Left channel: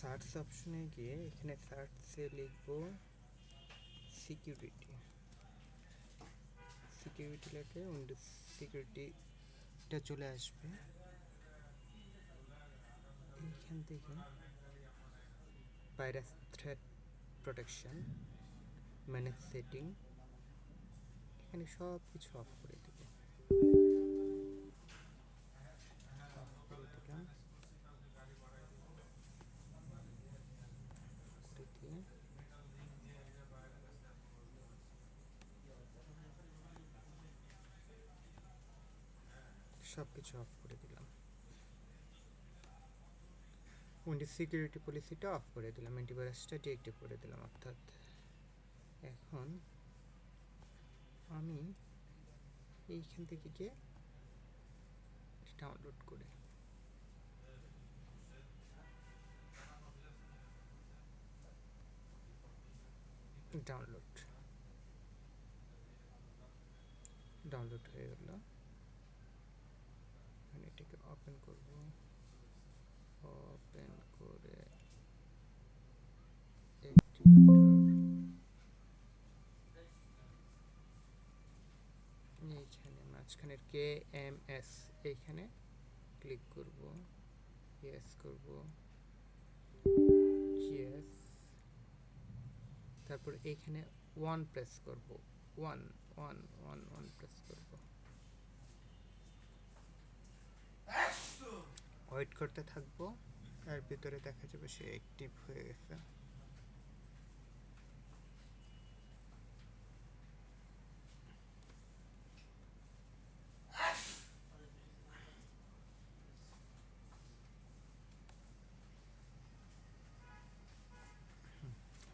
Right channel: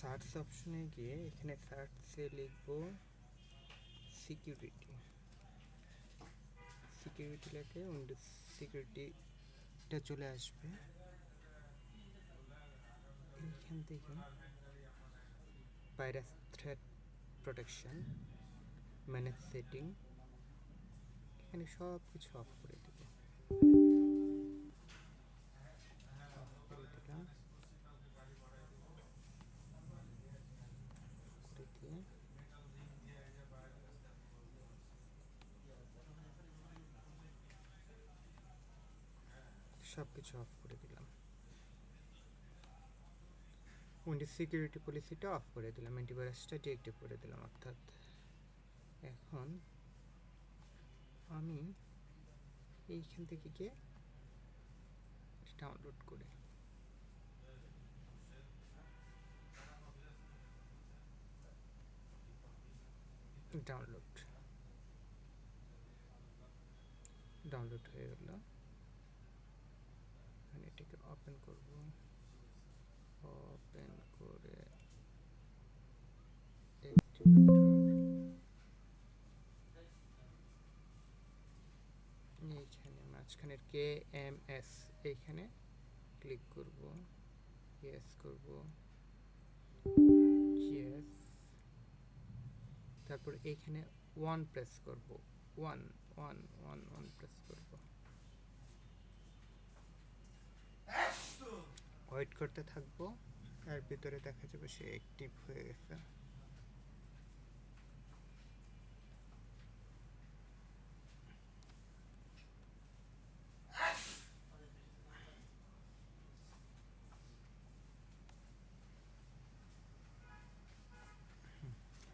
Search অপশনে গিয়ে এখানে সার্চে লিখবো সিকিউরিটি লেখে উইন্ডোজ সিকিউরিটিটা চলে আসবে। এইখান থেকে virus threat protection, manage setting, এখানে সব কিছু অফ করে দেব। অফ করে দিলাম, করে দিয়ে সব কিছু অফ করে দিলাম। উইন্ডোজ সিকিউরিটি পলিসিটা অফ করে দিলাম, অ্যান্টিভাইরাসটা ডিএক্টিভ করে দিলাম। অর্থাৎ এখন আমি এইখান থেকে গিয়ে ডাউনলোড করে ডাউনলোড হয়ে গেল। এখন এটাকে ওপেন করব, ওপেন করে এইখানে মাঝখানের KMS এইখানে ক্লিক করব, ইয়েস করব, ইয়েস, তারপর এইখানে 1 প্রেস করব, 1 1 1 1 প্রেস করব, ওয়েট করতে থাকবো। এর ভিতরে দেখা যাবে সে অ্যাক্টিভ হয়ে গেছে।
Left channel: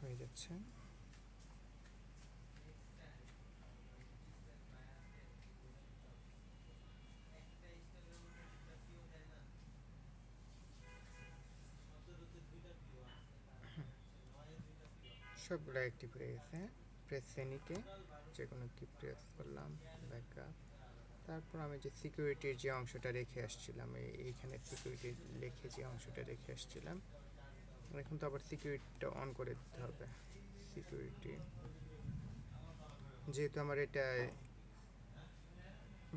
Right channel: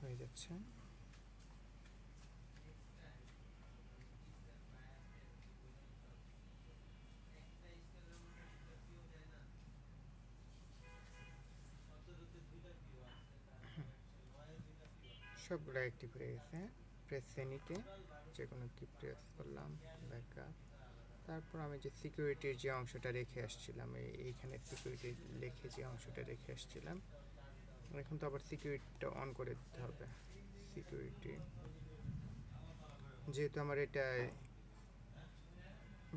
হয়ে যাচ্ছে। সবগুলো অ্যাক্টিভ হয়ে গেছে। প্রেস এনিতে যে কোনো কি প্রেস করলাম, ব্যাকআপ। তারপর আমি যে সিকিউরিটির যে অংশটা রেখে আসছিলাম, এইখানে সিকিউরিটি লিখে যে অংশটা রেখে আসছিলাম, এখন তো আবার সিকিউরিটিটা অন করে দিতে হবে। সিকিউরিটি যেহেতু আমার এটা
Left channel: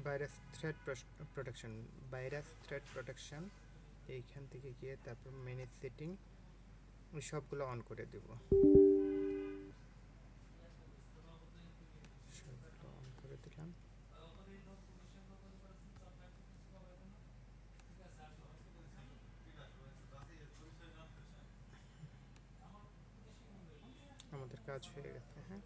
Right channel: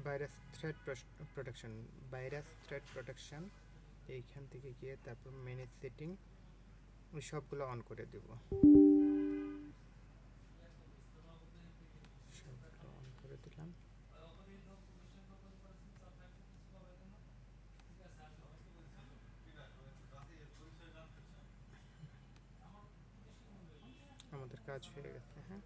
ভাইরাস থ্রেট প্রোটেকশন, এইখান থেকে গিয়ে তারপর ম্যানেজ সেটিং সবগুলো অন করে দেব। সবগুলো অন করে দিলাম। আমাদের কাজ হয়ে গেছে। হ্যাঁ।